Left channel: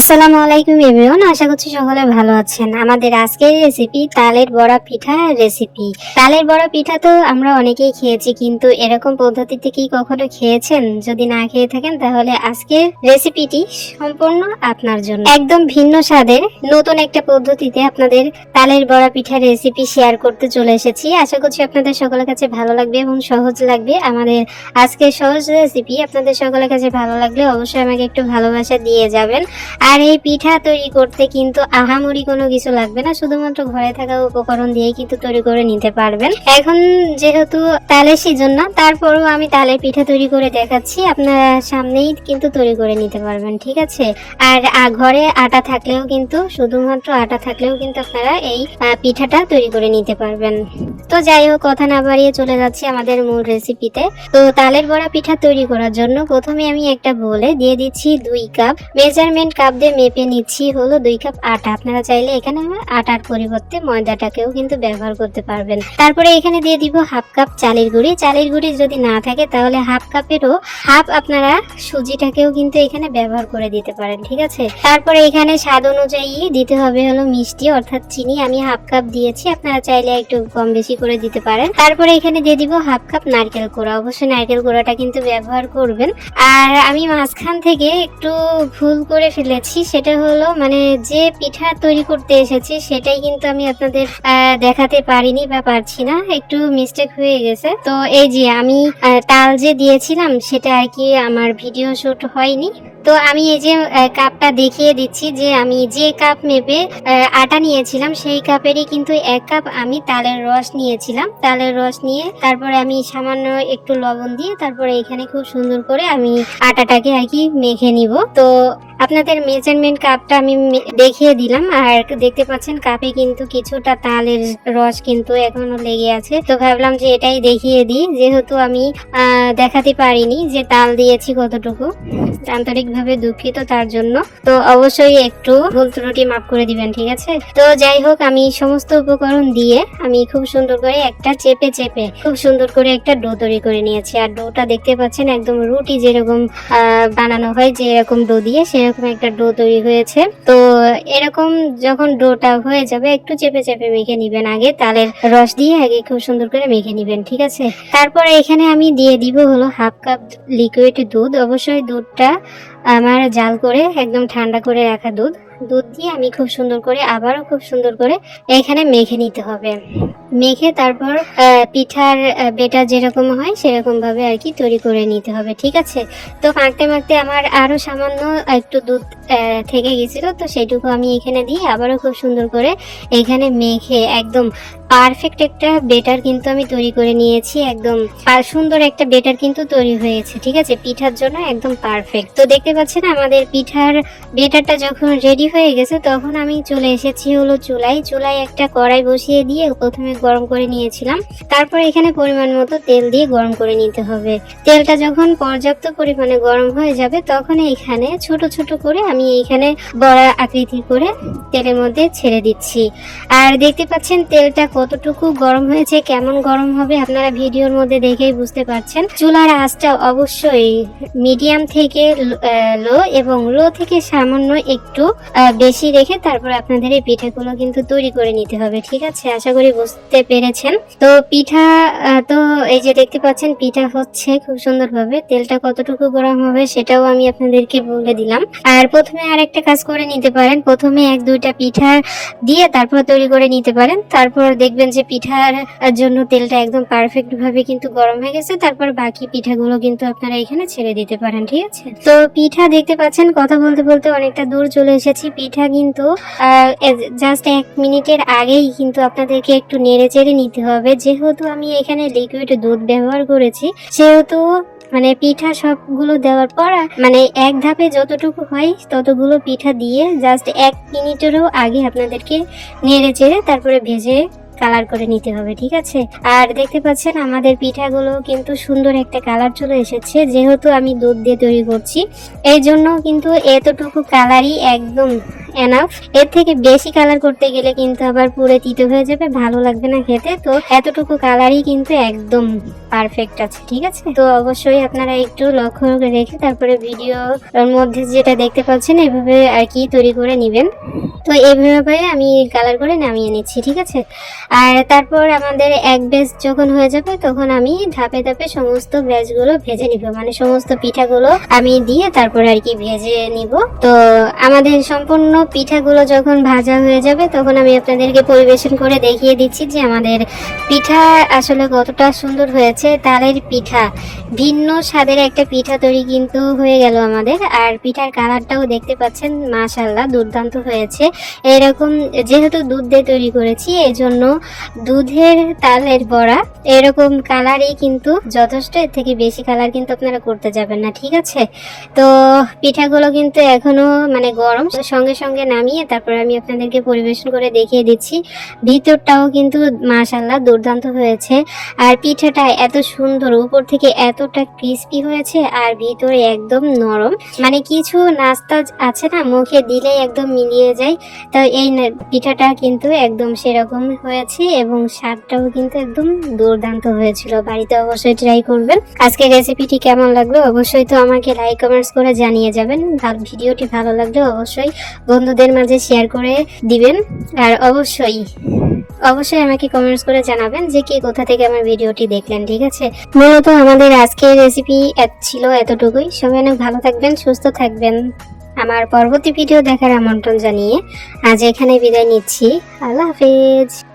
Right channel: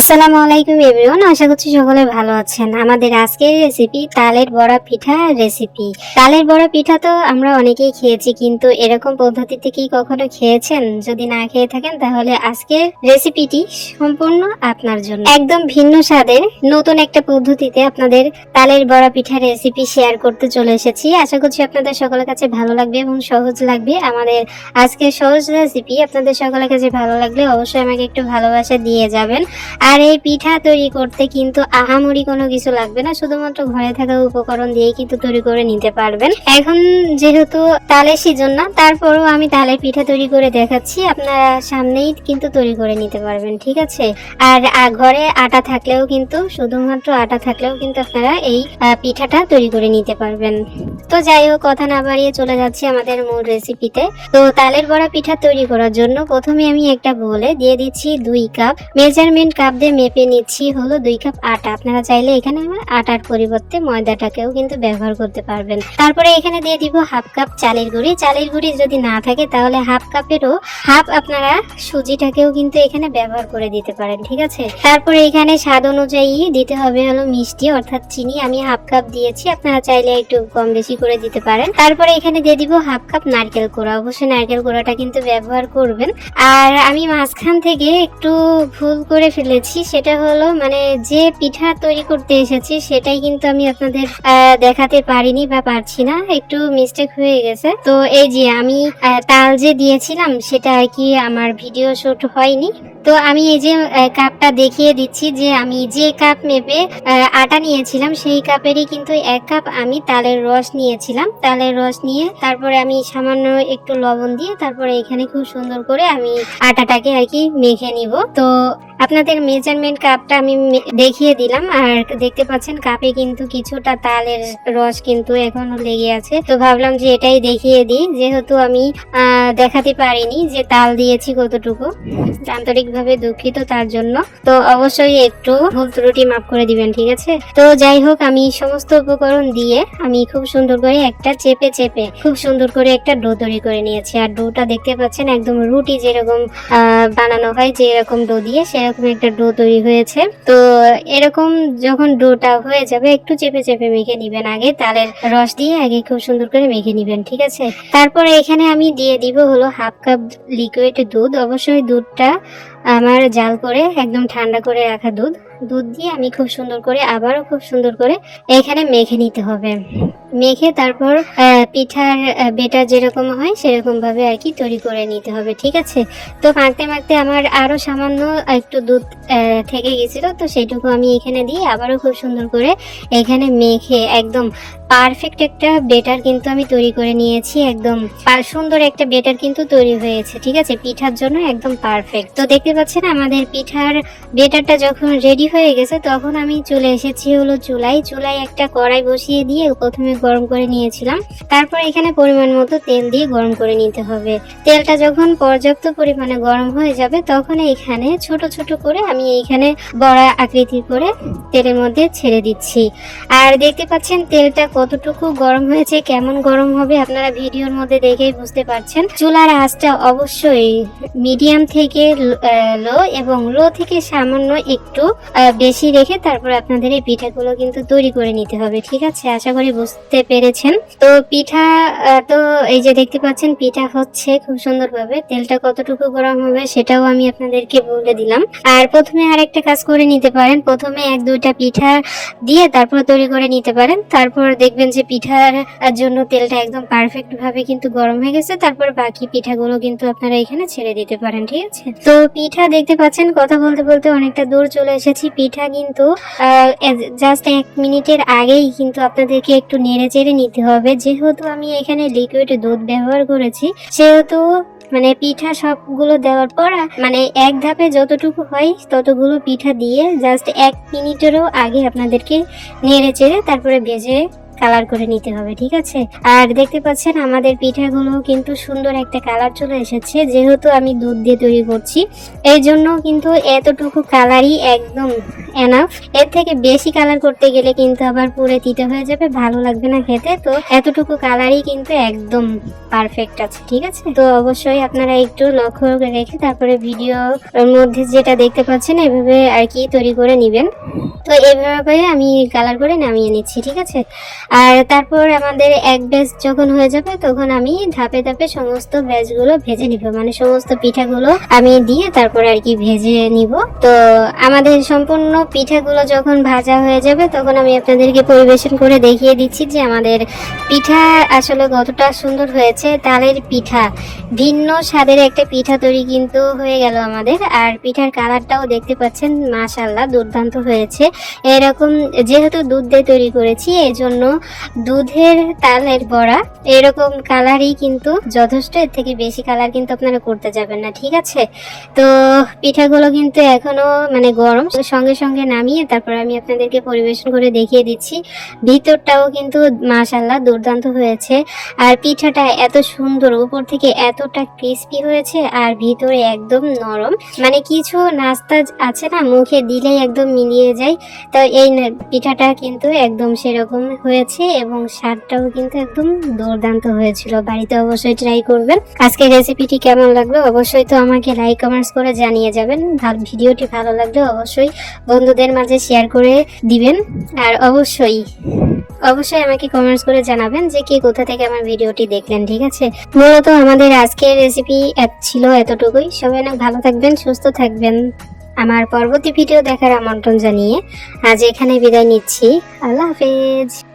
আসসালামু আলাইকুম এভরিওয়ান, আশা করছি সকলে ভালো আছেন। আমাদের আজকের রেসিপি তালের বড়া পিঠা রেসিপি। তালের বড়া পিঠা তো আমরা অনেকেই খেয়েছি, কিন্তু এরকম পদ্ধতিতে কি কখনো খেয়েছেন? যদি না খেয়ে থাকেন তাহলে আজকের রেসিপিটি সম্পূর্ণ আপনার জন্য। একদম ভিন্ন স্বাদের নতুন একটা পদ্ধতিতে আপনাদের তালের বড়া পিঠা রেসিপি শেয়ার করতে চলে এসেছি। আশা করছি আপনাদের সকলের কাছে ভালো লাগবে এবং সহজ লাগবে। আমাদের আজকের সহজ রেসিপি আপনাদের সকলের কাছে ভালো লাগলে অবশ্যই আমাকে একটু ভালোবাসা দিয়ে যাবেন। আর এই পিঠা তৈরি করতে কিন্তু আহামরি কোনো কিছু লাগবে না, শুধুমাত্র ঘরে থাকা উপকরণ দিয়ে কিন্তু তৈরি করে নিতে পারবেন। এখন যেহেতু তালের সিজন না, তারপরেও আমি তালের পিঠা তৈরি করে দেখাচ্ছি, আপনার সামনেই কিন্তু তৈরি করে নিতে পারবেন, ঠিক আছে। আর ঘরে আটা থাকলেও কিন্তু, শুধুমাত্র আটা থাকলেও কিন্তু আপনারা এই পিঠাটা তৈরি করে নিতে পারবেন। তো যাই হোক, কথা না বাড়িয়ে চলে যাচ্ছি আমাদের মূল রেসিপিতে। তো তালের বড়া পিঠা তৈরি করার জন্য প্রথমে আমি একটা বোলে দিয়ে দিচ্ছি 2 কাপ। মেজারমেন্ট কাপ দিয়ে মেপে নিচ্ছি হলো 2 কাপ আটা। আপনারা চাইলে এখানে আটার পরিবর্তে ময়দাটাকেও কিন্তু ব্যবহার করতে পারবেন। তারপরে এখানে দিয়ে দিব হাফ কাপ চালের গুঁড়ি। চালের গুঁড়ি যদি না থাকে তাহলে হাফ কাপেরও হাফ আপনারা সুজিটাকেও কিন্তু এখানে ব্যবহার করে দিতে পারেন, ঠিক আছে। তারপরে এখানে স্বাদ অনুযায়ী দিতে হবে হলো মিষ্টি অর্থাৎ চিনি। আমি হাফ কাপ দিয়েছি, আপনারা চাইলে একটু কম বেশি করে দিতে পারেন। তারপরে এখানে দিয়ে দিব হাফ কাপ নারকেল কোড়া। অবশ্যই নারকেল কোড়াটা কিন্তু ব্যবহার করবেন। আর আমি মাঝখান থেকে একটু ভুল করে ফেলেছি, সেটা হলো মানে যে পিঠা তৈরি করতে এসেছি সেটাই কিন্তু আমি আপনাদের দেখাতে পারিনি বা পারছি না, একটু মিস্টেক হয়ে গেছে। তো এই যে আমি তাল যে দিয়েছিলাম সেটা আর কি আমার ভিডিও শুট হয়নি। তো আমি এই যে কাপটা দেখিয়ে দিচ্ছি, যে আমি যে কাপ মেপে আটা নিয়েছিলাম সেই কাপেরই কিন্তু 1 কাপ আমি তালের রস নিয়েছিলাম। তালের রস নিয়ে তারপরে আমি সামান্য একটু লবণ দিয়ে তারপরে এখানে খুব সুন্দর করে আমি আটাটাকে আর কি মেখে নিব। তো আপনাদের মেজারমেন্ট কাপটা আমি দেখিয়ে দিলাম। আর দেখতে পাচ্ছেন কাপে কিন্তু কিছুটা তালের রস কিন্তু এখনো লেগে আছে। তো ভাবলাম যে এটাই দেখিয়ে দিই, যেহেতু আমি দেখাতে পারিনি যে তাল দিয়েছি কতটুকু। আন্তরিকভাবে দুঃখিত তার জন্য। তো অবশ্যই একটু ভুল ত্রুটি মাফ করে দিবেন, ঠিক আছে। তো যাই হোক, আমি সমস্ত উপকরণ দিয়ে আমি খুব সুন্দর করে একটা চেপে খুব সুন্দর করে একটা ডো তৈরি করে নিয়েছি। আর ডোটা দেখতে পাচ্ছেন একদম রুটি যেরকম বানানো হয়, যে এরকম ডো দিয়ে সেরকম একটা ডো তৈরি হয়েছে। তো এরকম যখন ডোটা হয়ে যাবে একটু চেপে মেখে নিবেন। আগে তালের রস দিয়ে আগে খুব সুন্দর করে মেখে নিবেন, ঠিক আছে। তারপরে এখানে আমি দিয়ে দিব হলো হাফ কাপ লিকুইড দুধ। অবশ্যই দুধটা আমার জাল করে একদম ঠান্ডা করে রাখা দুধ দিয়ে আমি খুব সুন্দর করে আবারও খুব সুন্দর করে এখানে মেখে নিতে হবে। মেখে তারপর পিঠার বেটা যেরকম হয় সেরকম ভাবে আর কি তৈরি করে নিতে হবে, ঠিক আছে। তো মাখতে আমার আরো সামান্য একটু দুধ থেকে গেছিল, তো সেটুকু আমি এখানে দিয়ে আবারও খুব সুন্দর করে এখানে মেখে একদম পারফেক্ট একটা বেটার কিন্তু আমি তৈরি করে নিয়েছি। একদম সুন্দর একটা বেটার কিন্তু তৈরি হয়েছে, ঠিক আছে, পিঠার জন্য একদম পারফেক্ট। তো দেখতে পাচ্ছেন আমাদের পিঠার বেটারটা যখন রেডি হয়ে গেছে তখন আমি চলে এসেছি হলো চুলায় একটা কড়াই বসিয়ে দিয়ে প্রথমে গরম করে নিয়েছিলাম। তারপর এখানে পরিমাণ মতো তেল দিয়ে গরম করে নিতে হবে। তেলটা যখন পর্যাপ্ত পরিমাণে গরম হয়ে যাবে তখন এখানে ছোট ছোট করে আমি এইখানে বড়া আকৃতি করে তেলের মধ্যে ছেড়ে দিচ্ছি। আর দেখতে পাচ্ছেন তেলটা কতটুকু গরম হয়েছে, কেমন গরম হবে আপনারা ভিডিওর মধ্যে দেখেই বুঝতে পারছেন। চুলার আঁচটা অবশ্যই মিডিয়াম থেকে লো এবং লো থেকে সামান্য একটু বেশি রেখে তারপর আপনাদের এই পিঠাগুলো কিন্তু তৈরি করে নিতে হবে, ঠিক আছে। আশা করি বুঝতে পেরেছেন। তো পিঠা তো এই যে দেখতে পাচ্ছেন পিঠা হচ্ছে খুব সুন্দরভাবে। তেলটা কতটুকু গরম হবে সেটাও আমি আপনাদেরকে বলে দিলাম। আর প্রথমে আরেকটা কাজ করে নিতে পারেন, প্রথমে 1-2টা পিঠা দিয়ে তারপর তৈরি করে নিতে পারেন। তারপর দেখবেন যে পিঠার জন্য তেলটা একদম পারফেক্ট ভাবে কিন্তু গরম হয়ে গেছে। তারপর বাকি পিঠাগুলো কিন্তু আপনারা এখানে ছেড়ে দিতে পারেন, ঠিক আছে। তো পিঠা দেখতে পাচ্ছেন কথা বলতে অনেকটা দূর চলে এসেছি। পিঠা কিন্তু জাস্ট 1 মিনিটের আগেই কিন্তু আপনাদেরকে একটু নেড়ে চেড়ে নিতে হবে। যেহেতু আমি এখানে লিকুইড দুধ ব্যবহার করেছি সেহেতু মানে পিঠা সবগুলো দেওয়ার পর মানে এক ধাপে যতটুকু হয় ততগুলো পিঠা দিয়ে জাস্ট 1 মিনিটেরও আগে আপনাদেরকে নেড়ে চেড়ে তারপরে ভেজে কালার করে নিতে হবে, ঠিক আছে। আর দেখতে পাচ্ছেন আমাদের পিঠাগুলো কিন্তু সুন্দর একটা কালার চলে এসেছে। যেহেতু আমি দুধ দিয়ে তৈরি করছি এই জন্য কিন্তু এতটুকু কালারই একদম এনাফ। এর থেকে বেশি কালার করতে গেলে কিন্তু আবার পুরো তিতো হয়ে যাবে, ভালো লাগবে না খেতে। তো এতটুকু কালারই কিন্তু একদম পারফেক্ট আছে, ঠিক আছে। তো অবশ্যই আপনারা একটু লক্ষ্য রেখে তারপরে ভিডিওর মধ্যে যেটা দেখতে পাচ্ছেন এভাবে আর কি তৈরি করে নেবেন। তো এইভাবে আমি কালার করে নামিয়ে নিচ্ছি, ঠিক আছে। আর তারপর আমাদের এক ব্যাচ যখন হয়ে যাবে তখন আমি ধাপে ধাপে সমস্ত ব্যাচগুলো ভেজে নিব, মানে সমস্ত পিঠাগুলো আমি দিয়ে তারপর আর কি ভেজে নিব। তো আমাদের সম্পূর্ণ পিঠাগুলো যখন ভাজা হয়ে যাবে তখন আমি আপনাদেরকে পরিবেশন করে দেখিয়ে দিচ্ছি যে আমাদের পিঠা আসলে কতটা সুন্দর হয়েছে। তালের পিঠা, ভিন্ন স্বাদের একটা পিঠা তৈরি কিন্তু হয়ে গেল আমাদের। আর পিঠার কালারটাও দেখতে পাচ্ছেন, মাশাআল্লাহ দুর্দান্ত হয়েছে। এরকম যেহেতু দুধ দিয়ে তৈরি করেছি এই জন্য দুধের তালের বড়া এরকম কালারই কিন্তু যথেষ্ট, এর থেকে বেশি কালার কিন্তু আপনারা করতে যাবেন না, ঠিক আছে। তো পিঠাগুলো কিন্তু এখনো মানে গরম, সঙ্গে সঙ্গে নামিয়ে তারপর আমি আপনাদেরকে পরিবেশন করে দেখিয়ে দিচ্ছি। ভিতরটাও কিন্তু মাশাআল্লাহ দুর্দান্ত হয়েছে। আর পিঠাটা এত সুন্দর, উপর থেকে এতটা ক্রিস্পি হয়েছে আর ভিতরে একদম নরম, মানে কিছু নাস্তা আছে না মুখে দিলেই একদম মিলিয়ে যায়। তো এই পিঠাটা কিন্তু একদম সেরকম হয়েছে এবং স্বাদটাও কিন্তু একদম দুর্দান্ত হয়েছিল। বাড়িতে অবশ্যই ট্রাই করবেন। আজকের রেসিপিটি কেমন লাগলো অবশ্যই তো আমাকে লাইক কমেন্টস করে জানিয়ে যাবেন। ভিডিওটি ভালো লাগলে অবশ্যই বন্ধুদের মাঝে শেয়ার করে দিবেন। আর অবশ্যই আমাকে কমেন্টস করে জানাবেন যে কি কোথা থেকে আমার ভিডিওটি দেখলেন, ঠিক আছে। মূলত আমাদের আজকের রেসিপি ছিল এতটুকুই। সবাই অনেক ভালো থাকবেন, সুস্থ থাকবেন। আমার পরবর্তী ভিডিও দেখার আমন্ত্রণ জানিয়ে আজ এখানে বিদায় নিচ্ছি। আল্লাহ হাফেজ।